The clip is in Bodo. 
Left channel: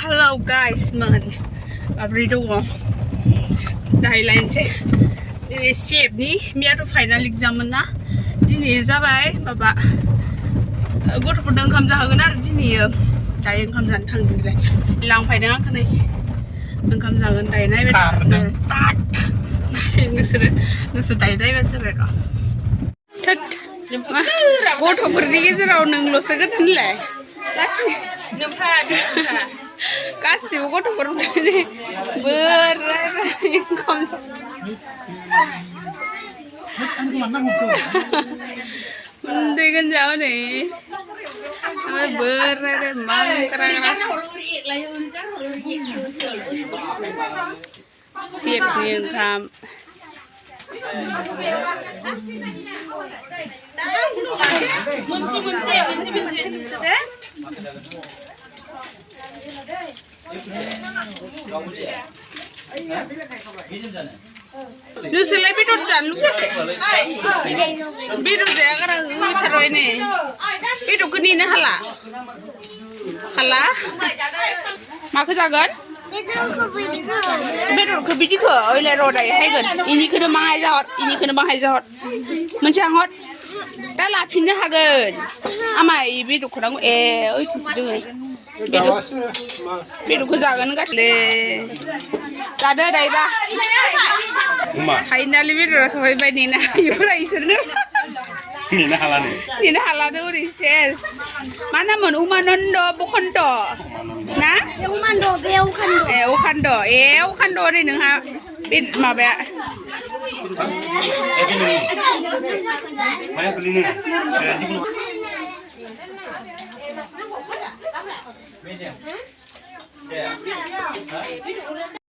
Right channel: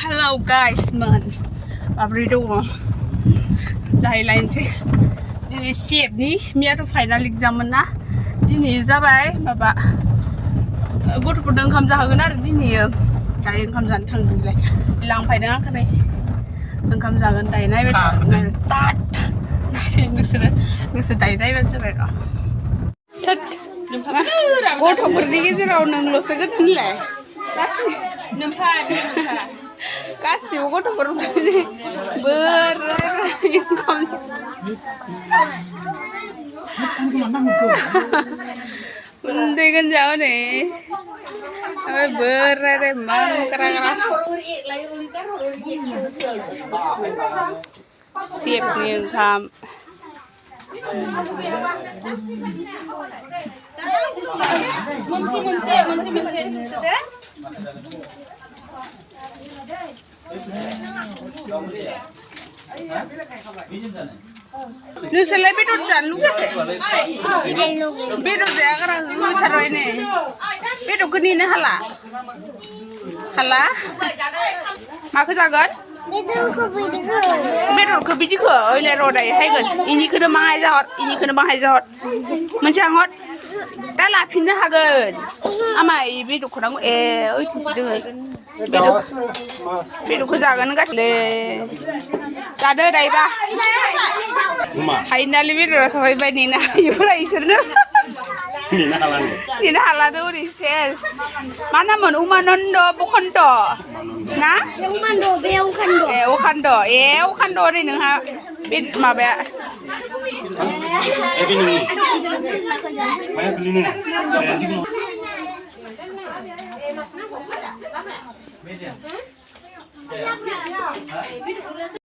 hello guys man माब्रै दङ जाहैलायनोसै दिनै CFनि मियाथ' फाइनाल एग्जाममोन ना दिनै जाबाय माबा गथ'फोरनो ओंखाम जाहोगोन आरो दिनै दायो ओंखाम जानो थांदोंलाय लांफायदों आंखौ नै ओंखाम जागोन दायो नायबाय नोंसोर दायो नायबानो जाबाय र' गथ'फोरनि गेजेराव नोंल'सो गोदोनलाय गासिबो गथ'फोर बोराय ओंखाम उन्दै गोनजा हनै ओमफ्राय बोराय मांग्रा CFनि ओंखाम नोंसोरलाय बेदर जानो लुगैयाखै बेदर जायागारा होथारबाय नै बेदरखौ नेनो हाला माखौ जागोन बेदरखौ बिदिखौ ओइलाय र' दायो हायगोन इनिखौनो बाहाय जाहर मोनसे आंहर दा लाफिननो हागोन आमाय बेदरखौ नांगौ ए ओइथिंसो दोङो बेदरखौ जागोन गासिले जादो दायोबा फाइनालि बेदरा सफैबाय नेनो हायोफोरा इसोरनो नेनो हालानो ओरै सेस मा नाममोन उमानन्द बखन्त ना अखान्द ओरै नोंहा बे माबाया